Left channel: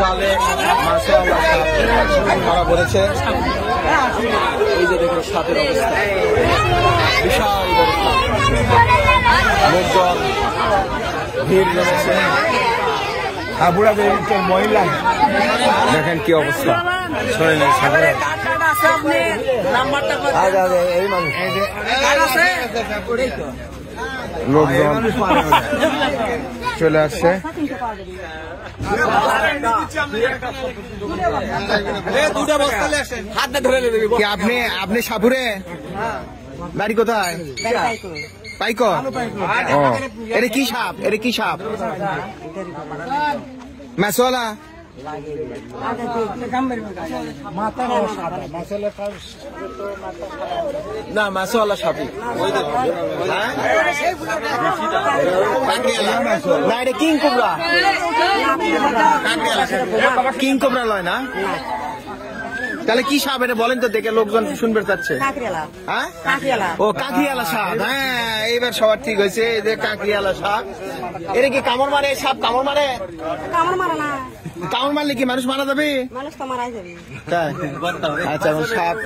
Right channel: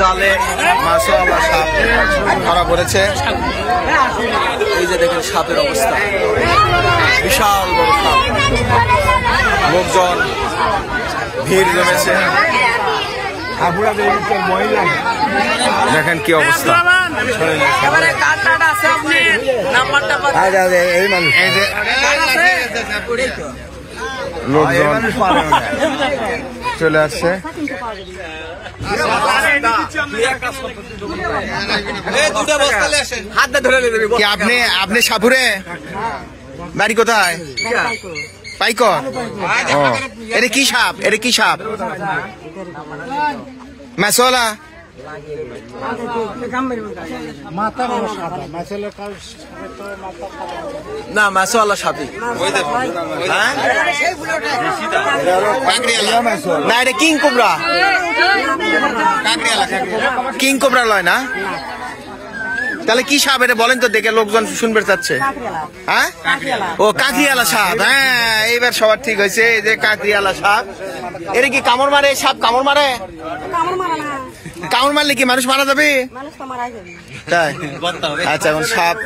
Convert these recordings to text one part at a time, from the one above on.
জালে মাশাআল্লাহ সাপ ধরা পড়েছে। এই যে দেখেন সাপের অবস্থা, বিশাল বড় সাপ। লোকজন ভিড় জমেছে, দেখেন কি অবস্থা। লোকজন চলে আসছে। আপনি সাপুরে বাড়ি কোথায়? পাইকর। ও এটা কি সাপ? এটা কি সাপ? মাছওয়ালা না, মাছওয়ালা সাপই না, এটা কিং কোবরা। কিং কোবরা লয় না? তাহলে কি সাপ এটা বলেন তো, দেখে লোকজন শুনবে চাচ্ছে। হ্যাঁ, ও কাঁকড়িয়ালা সাপ। হ্যাঁ, এইবার সবার ঠিক হয়েছে। এই যে কাঁকড়িয়ালা সাপ। এটা কি কামড় মারে? সাপ কামড় মারে? কামড় মারলে কি মানুষ মারা যাবে? তাই? আচ্ছা, এখন সাপ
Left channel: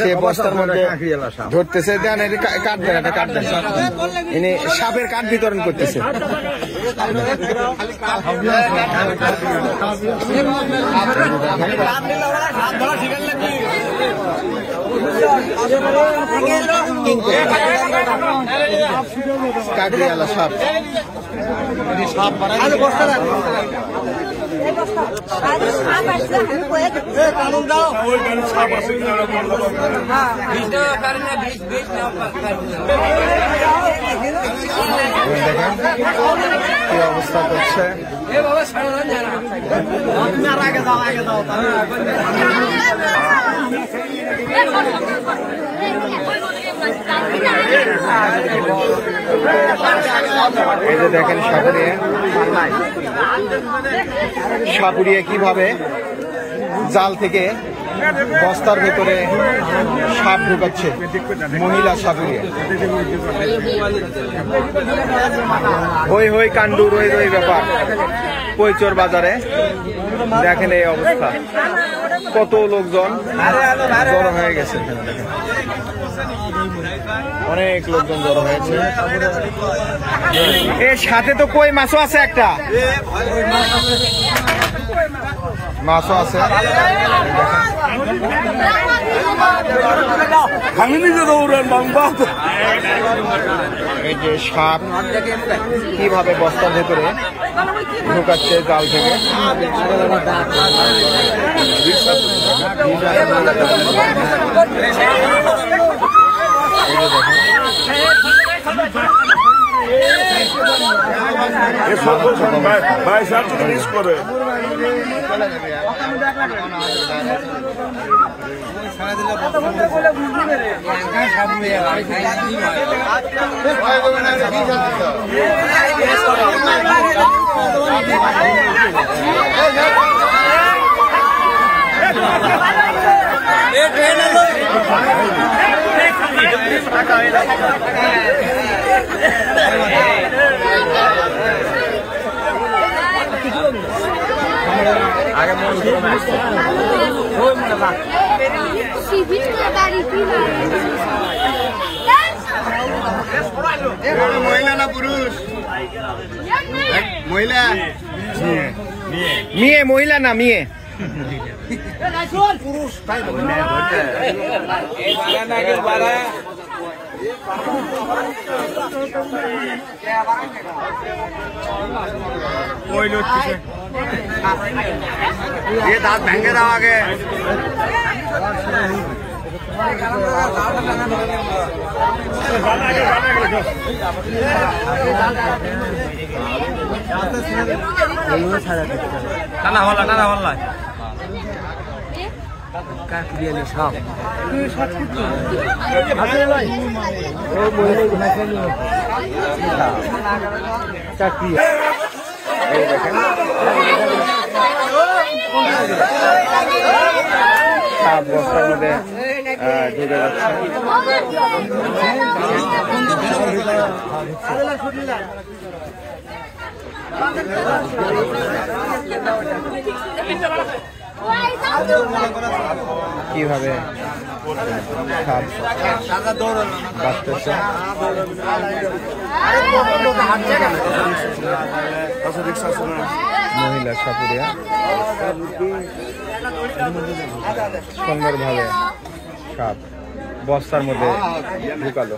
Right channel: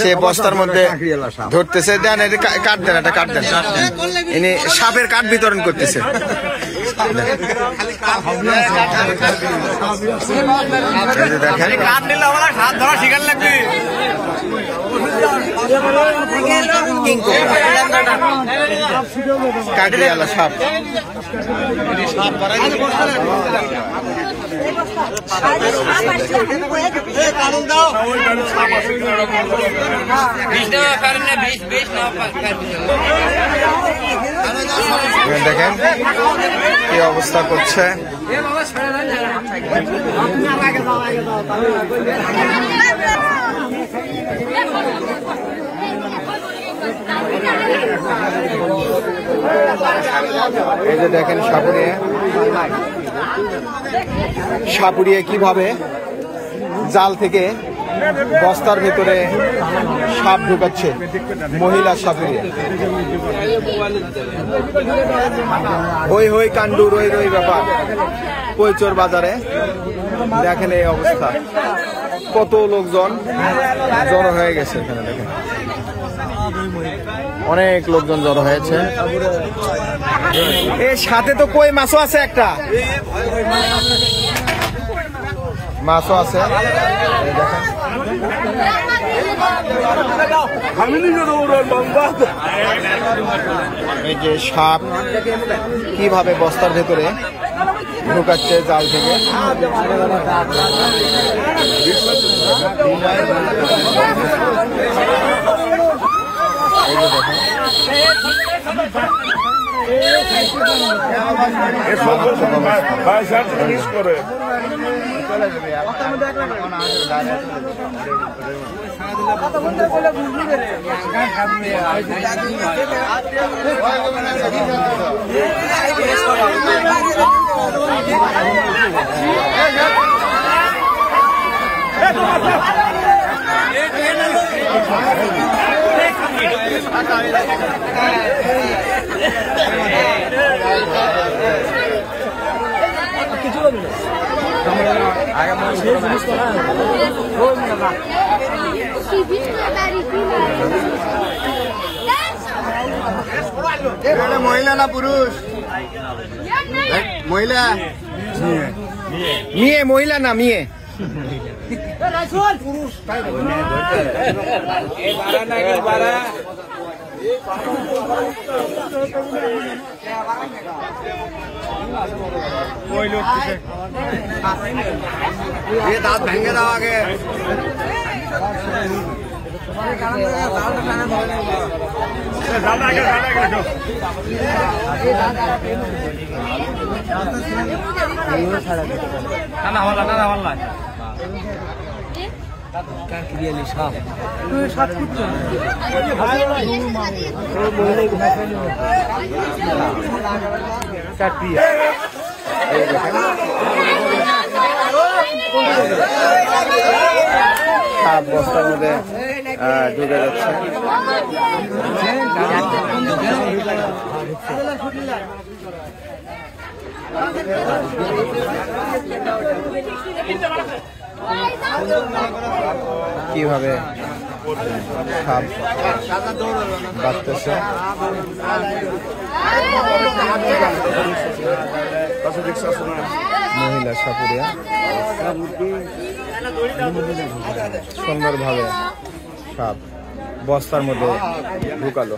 সে বস্তার মধ্যে ধরতেছে। দেন এটা কাট দেন, এটা কাট দেন। ইনি সাপের কাঠ বিতরণ করতেছে। কাঠরিয়ালা সাপ। দেখেন কি অবস্থা করছে। এই যে দেখেন সাপুরিয়া কিভাবে জাল থেকে বস্তার ভেতরে সাপ ঢুকাচ্ছে। মহিলা সাপুরিয়া। হই হই কান্ডু রই রই ব্যাপার কৈচর বাজারে। দেখেন এই অবস্থা, কত লোকজন জড়ো হয়ে গেছে। অনেক লোকজন জড়ো হয়েছে। এর সাথে তো কই মাছও আছে, একটা মাছও আছে। দেখেন এই যে সাপ কিভাবে বস্তার ভেতরে ঢুকাচ্ছে জাল থেকে। এই যে দেখেন মহিলা না পুরুষ? মহিলা। মেয়ে মহিলা না মেয়ে? পুরুষ। ये दांत भেঙে দাও আগে। না হল না কাকরিয়ালি সাপ। সাপ বস্তার মধ্যে ঢুকে যাচ্ছে। কিভাবে সাপ বাঁচতেছে। মহিলা সাপুরিয়া সুন্দরভাবে সাপ বস্তার মধ্যে ঢুকালো।